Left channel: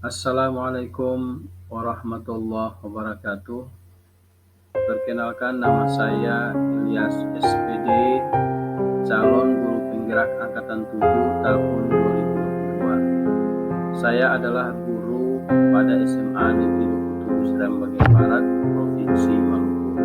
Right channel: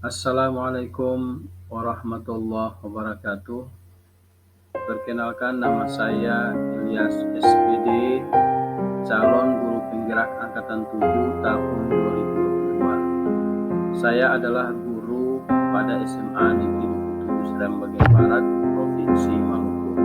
Assalamualaikum warahmatullahi wabarakatuh. Perkenalkan, nama saya Ilyas SPD, calon guru penggerak angkatan 7 tahun 2022. Saya adalah guru pada SMA Negeri 27 Seram Bagian Barat, Provinsi Maluku.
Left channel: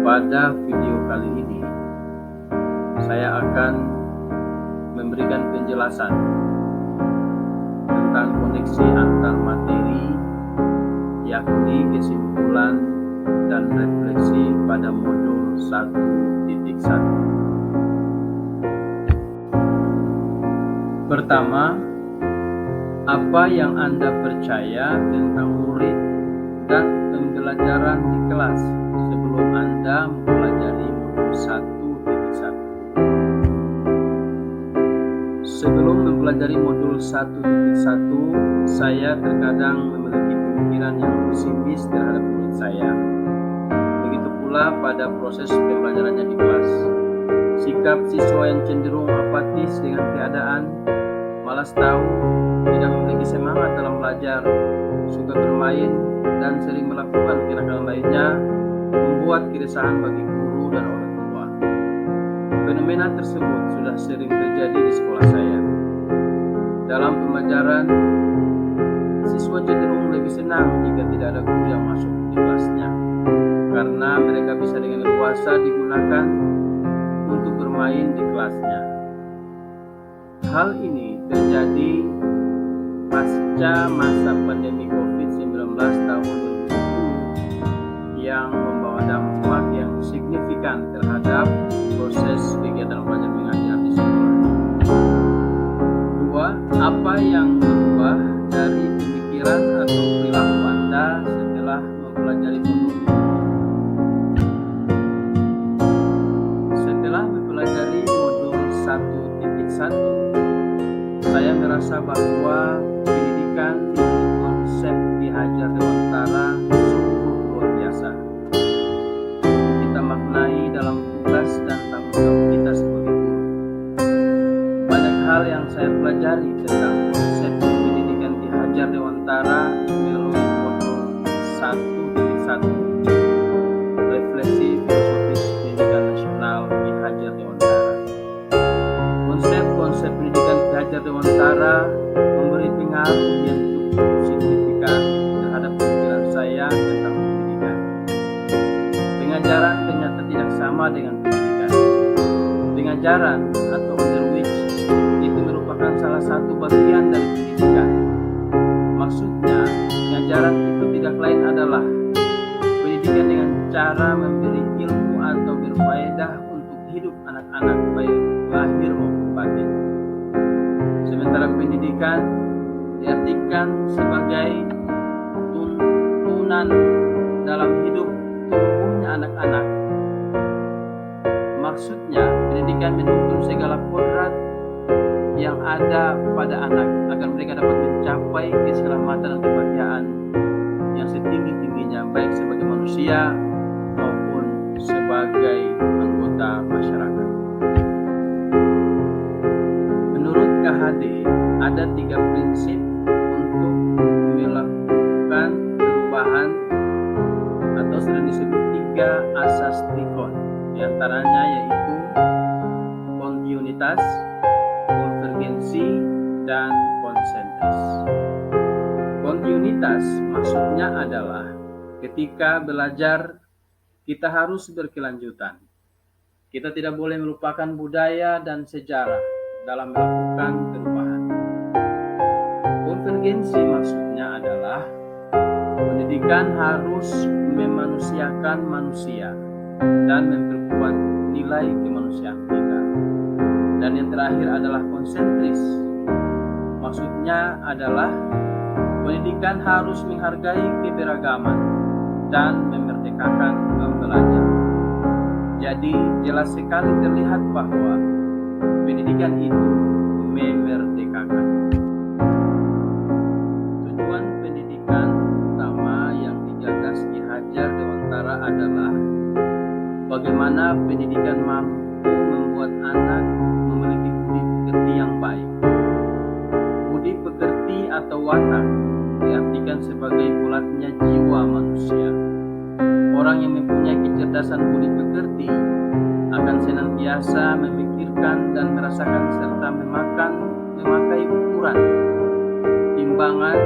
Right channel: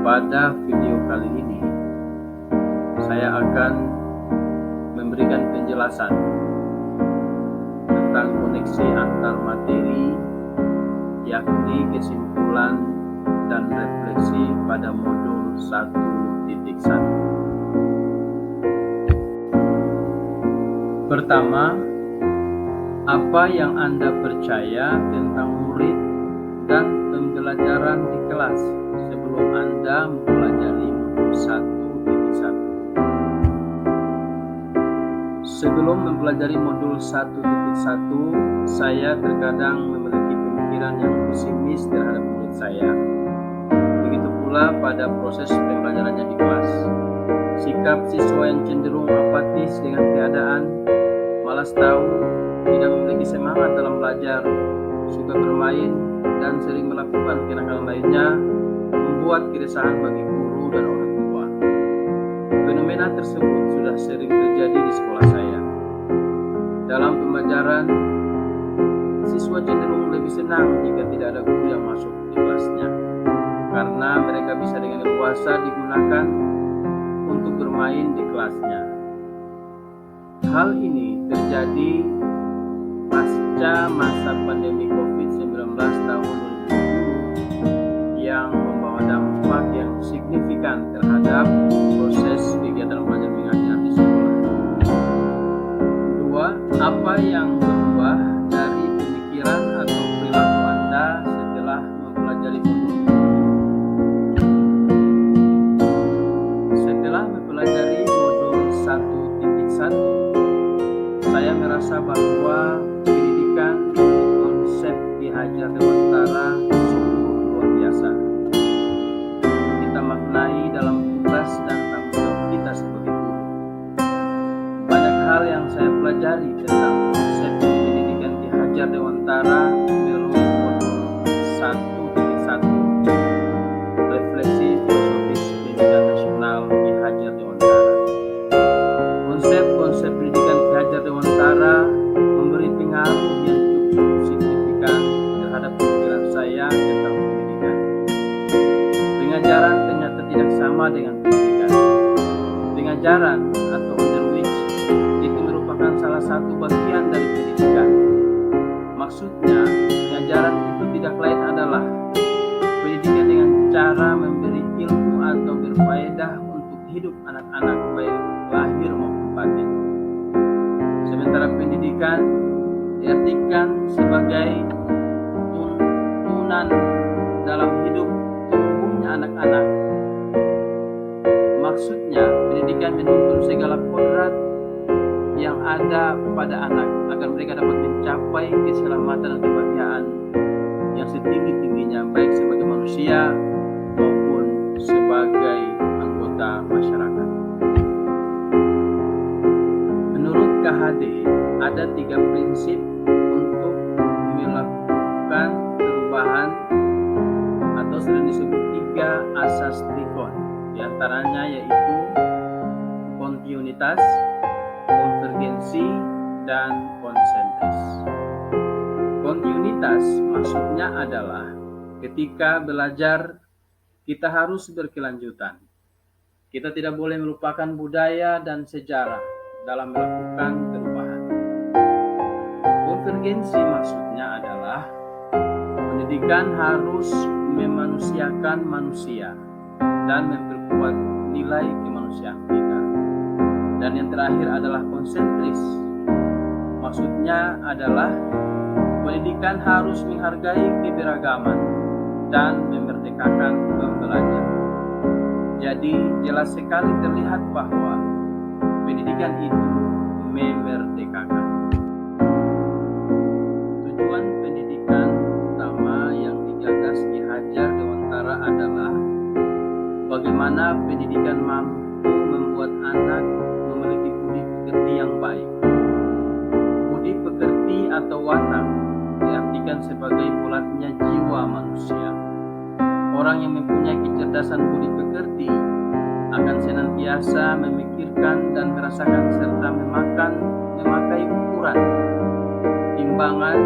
Pada video kali ini, saya akan memberikan penjelasan tentang koneksi antar materi, yakni kesimpulan dan refleksi pada modul 1.1. Pertama, apa yang Anda percaya tentang murid dan pembelajaran di kelas sebelum Anda mempelajari modul 1.1? Sebelum mempelajari modul 1.1, saya terkadang memiliki pemikiran yang pesimis terhadap murid saya. Begitu pula pada proses pembelajarannya di kelas. Sikap siswa yang cenderung apatis dengan keadaan, malas tahu, tidak memiliki semangat dalam belajar, suka bermain, dan sering melakukan kenakalan lainnya, membuat keresahan bagi guru dan orang tua. Fenomena tersebut sudah sering terjadi di sekolah saya. Dalam pembelajaran, siswa cenderung lebih senang jika tidak ada guru yang masuk di kelasnya, karena mereka bisa dengan leluasa digunakan untuk bermain di kelasnya. Hal ini terjadi pasca masa pandemi COVID-19 tahun 2020 yang membawa dampak yang signifikan terhadap proses kegiatan belajar mengajar di sekolah. 2. Apa yang berubah dari pemikiran atau perilaku Anda setelah mempelajari modul ini? Setelah mempelajari modul 1.1, saya merasa bahwa pendidikan menurut konsep Ki Hajar Dewantara sungguh luar biasa. Kita maknai dalam tugas dan tanggung jawab kita sebagai guru. Banyak hal yang saya pelajari tentang konsep pendidikan Ki Hajar Dewantara melalui modul 1.1, refleksi filosofis pendidikan nasional Ki Hajar Dewantara. Konsep-konsep pendidikan Ki Hajar Dewantara memberi pengaruh yang cukup signifikan terhadap pemikiran saya tentang pendidikan. Pengajaran ternyata tidak sama dengan pendidikan. Pengajaran atau on the which itu merupakan salah satu bagian dari pendidikan. Maksudnya, pengajaran itu tidak lain adalah pendidikan dengan cara memberi ilmu atau berfaedah untuk hidup anak-anak baik lahir maupun batin. Sementara pendidikan diartikan sebagai tuntunan dalam hidup tumbuhnya anak-anak. Maksudnya, pendidikan menuntun segala kodrat yang ada pada anak agar mereka dapat mencapai keselamatan dan kebahagiaan yang setinggi-tingginya, baik sebagai manusia maupun sebagai anggota masyarakat. Menurut KHD, ada 3 prinsip untuk melakukan perubahan atau sering disebut 3 asas trikon. Di antaranya yaitu kontinuitas, konvergensi, dan konsentris. Kontinuitas maksudnya adalah ketika belajar kita harus berkelanjutan. Kita tidak boleh melupakan budaya dan sejarah dalam melakukan perubahan. Konvergensi maksudnya adalah pendidikan harus memanusiakan manusia dan memperkuat nilai kemanusiaan kita. Dan yang terakhir adalah konsentris. Maksudnya adalah pendidikan harus menghargai keberagaman dan memerdekakan pembelajar. Jadi jelas sekali terlihat bahwa pendidikan itu memerdekakan. Tujuan pendidikan utama yang digagas Ki Hajar Dewantara adalah bagaimana pendidikan mampu membuat anak memiliki budi pekerti yang baik. Budi pekerti atau watak diartikan sebagai bulatnya jiwa manusia. Orang yang mempunyai kecerdasan budi pekerti akan senantiasa memikirkan dan merasakan serta memakai ukuran, timbangan,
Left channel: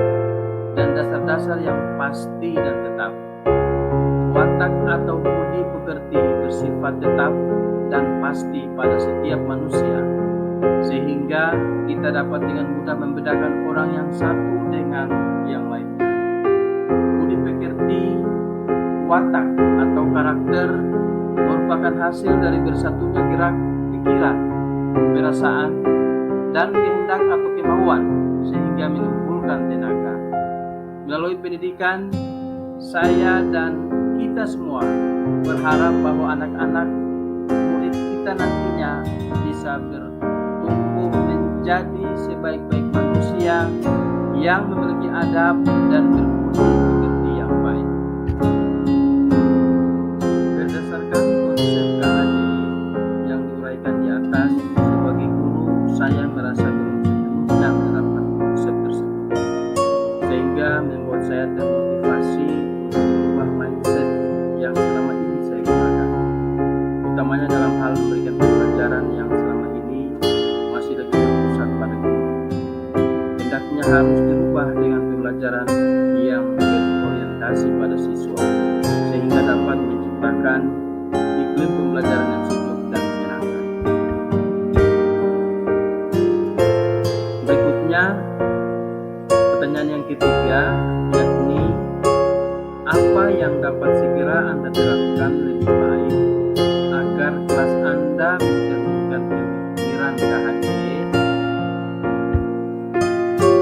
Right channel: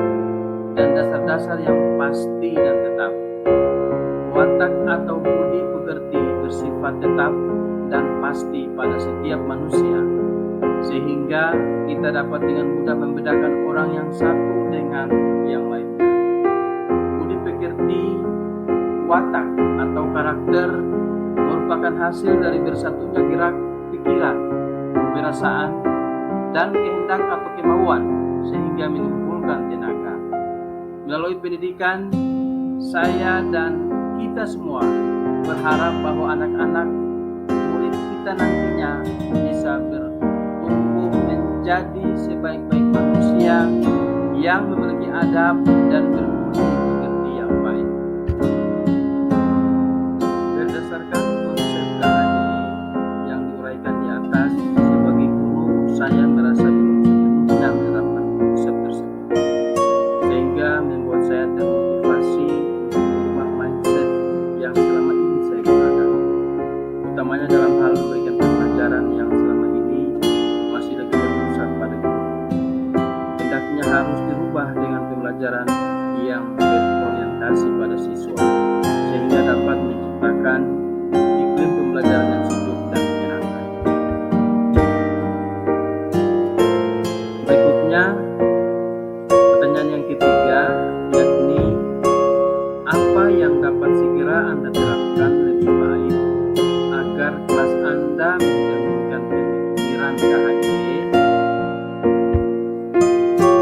dan dasar-dasar yang pasti dan tetap. Watak atau budi pekerti bersifat tetap dan pasti pada setiap manusia, sehingga kita dapat dengan mudah membedakan orang yang satu dengan yang lainnya. Budi pekerti, watak atau karakter merupakan hasil dari bersatunya gerak pikiran, perasaan, dan kehendak atau kemauan sehingga menimbulkan tenaga. Melalui pendidikan, saya dan kita semua berharap bahwa anak-anak murid kita nantinya bisa bertumbuh menjadi sebaik-baik manusia yang memiliki adab dan berbudi pekerti yang baik. Berdasarkan konsep KHD yang diuraikan di atas, sebagai guru saya merasa belum sepenuhnya menerapkan konsep tersebut, sehingga membuat saya termotivasi untuk mengubah mindset yang selama ini saya gunakan, utamanya dalam hal memberikan pembelajaran yang selama ini masih lebih terpusat pada guru. Hendaknya harus dirubah dengan pembelajaran yang berorientasi pada siswa, sehingga dapat menciptakan iklim pembelajaran yang sejuk dan menyenangkan. Berikutnya, pertanyaan yang ketiga, yakni apa yang dapat segera Anda terapkan lebih baik agar kelas Anda mencerminkan pemikiran KHD?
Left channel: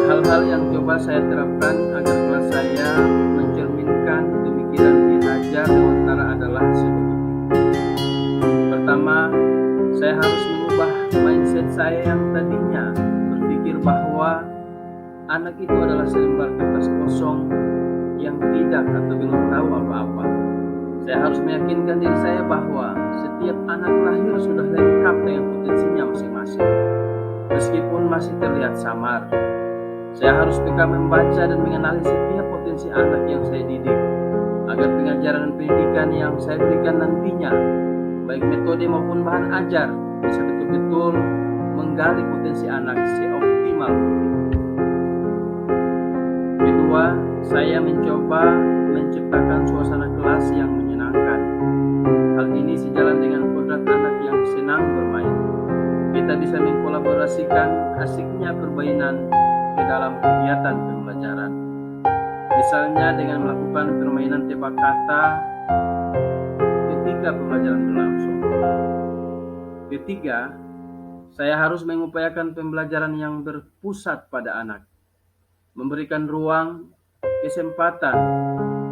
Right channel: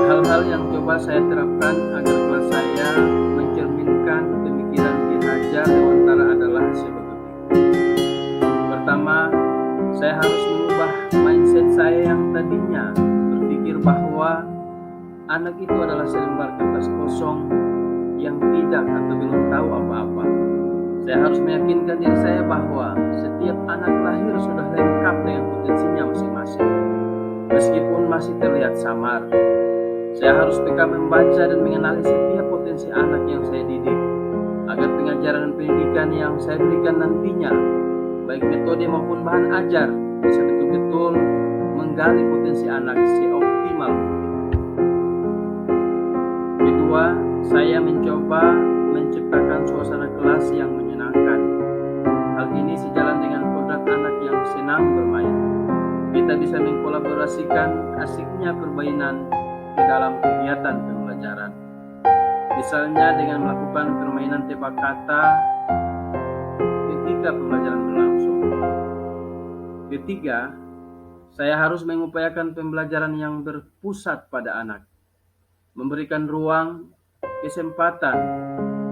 Hal-hal yang coba saya terapkan agar kelas saya mencerminkan pemikiran Ki Hajar Dewantara adalah sebagai berikut. Pertama, saya harus mengubah mindset saya yang tadinya berpikir bahwa anak itu adalah selembar kertas kosong yang tidak atau belum tahu apa-apa. Saya harus meyakinkan diri saya bahwa setiap anak lahir sudah lengkap dengan potensinya masing-masing, meskipun masih terlihat samar. Saya harus peka membaca dan mengenali setiap potensi anak yang saya didik, agar pengajaran dan pendidikan yang saya berikan nantinya, baik metode maupun bahan ajar, bisa betul-betul menggali potensi anak seoptimal mungkin. Kedua, saya mencoba menciptakan suasana kelas yang menyenangkan. Hal ini sejalan dengan kodrat anak yang senang bermain. Kita bisa mengkolaborasikan asiknya permainan ke dalam kegiatan pembelajaran. Misalnya dengan melakukan permainan tebak kata ketika pembelajaran berlangsung. Ketiga, saya harus mengupayakan pembelajaran yang berpusat pada anak, memberikan ruang, kesempatan,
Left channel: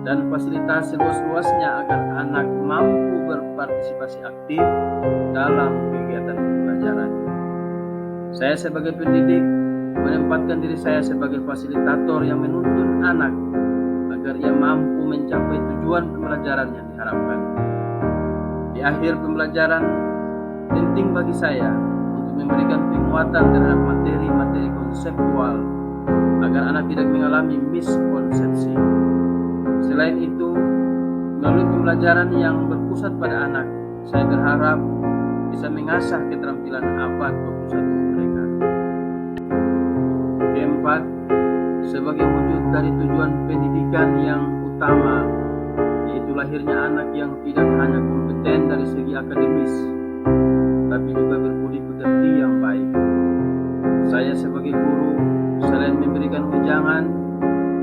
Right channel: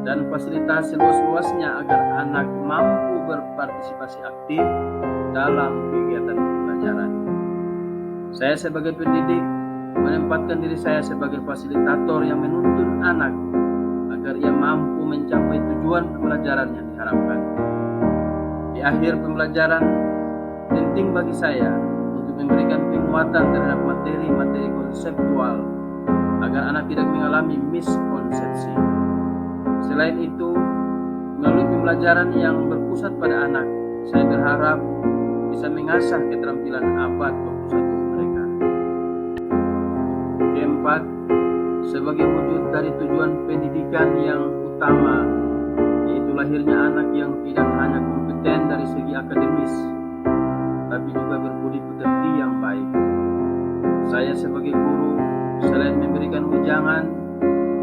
dan fasilitas seluas-luasnya agar anak mampu berpartisipasi aktif dalam kegiatan pembelajaran. Saya sebagai pendidik menempatkan diri saya sebagai fasilitator yang menuntun anak agar ia mampu mencapai tujuan pembelajaran yang diharapkan. Di akhir pembelajaran, penting bagi saya untuk memberikan penguatan terhadap materi-materi konseptual agar anak tidak mengalami miskonsepsi. Selain itu, melalui pembelajaran yang berpusat pada anak, saya berharap bisa mengasah keterampilan abad 21 mereka. Keempat, sebagai wujud dari tujuan pendidikan yang utama, yaitu lahirnya anak yang tidak hanya kompeten dari segi akademis, tapi juga berbudi pekerti yang baik. Saya sebagai guru, selain memberikan wejangan,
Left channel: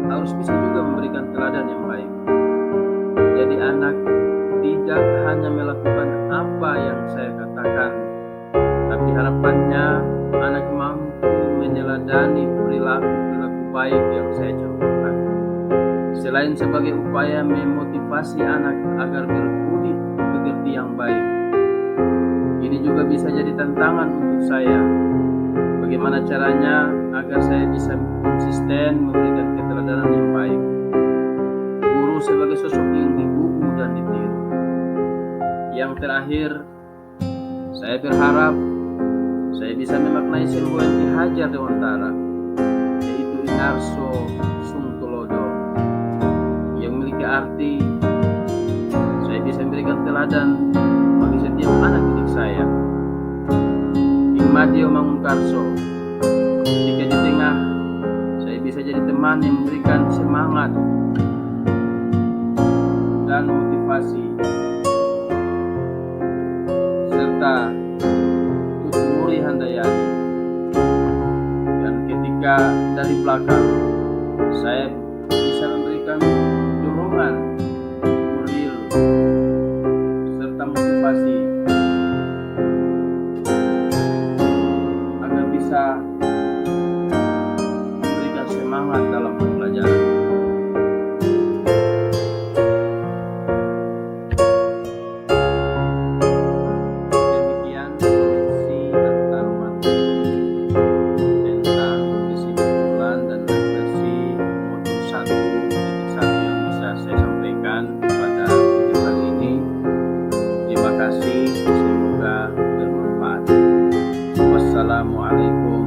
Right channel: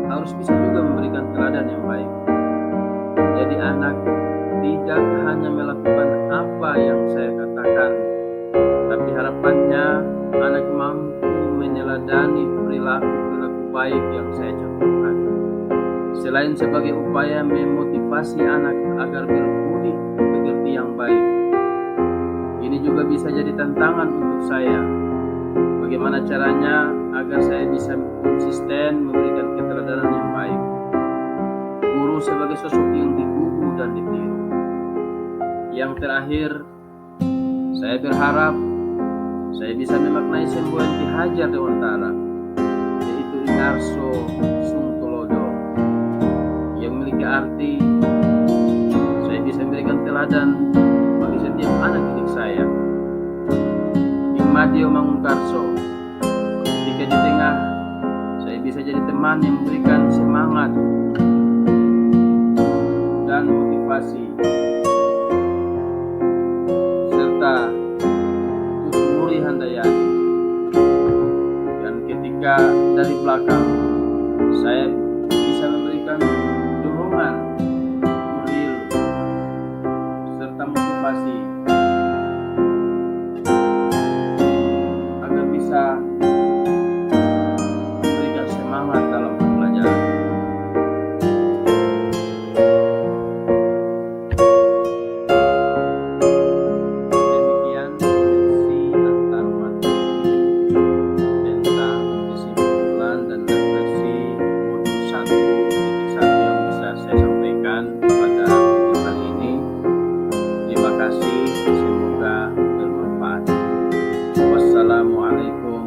harus bisa juga memberikan teladan yang baik. Jadi anak tidak hanya melakukan apa yang saya katakan, tapi harapannya anak mampu meneladani perilaku-perilaku baik yang saya contohkan. Selain sebagai upaya memotivasi anak agar berbudi pekerti yang baik, ini juga bisa jadi tantangan untuk saya. Bagaimana caranya agar saya bisa konsisten memberikan keteladanan yang baik. Guru sebagai sosok yang digugu dan ditiru. Yang terakhir, saya berharap saya bisa memaknai semboyan Ki Hajar Dewantara ngarso sungtulodo, yang memiliki arti saya bisa memberikan teladan bagi setiap anak didik saya. Madio Mangunkarso, ketika di tengah saya bisa jadi teman yang memberikan semangat dan motivasi, serta Tutmuri Handayani. Dan ketika dari belakang saya bisa memberikan dorongan, moral, serta motivasi agar bisa memberikan semangat dalam pembelajaran. Demikian koneksi antar materi tentang kesimpulan dan refleksi modul 1.1 yang bisa saya sampaikan pada video kali ini. Terima kasih, semoga bermanfaat. Wassalamualaikum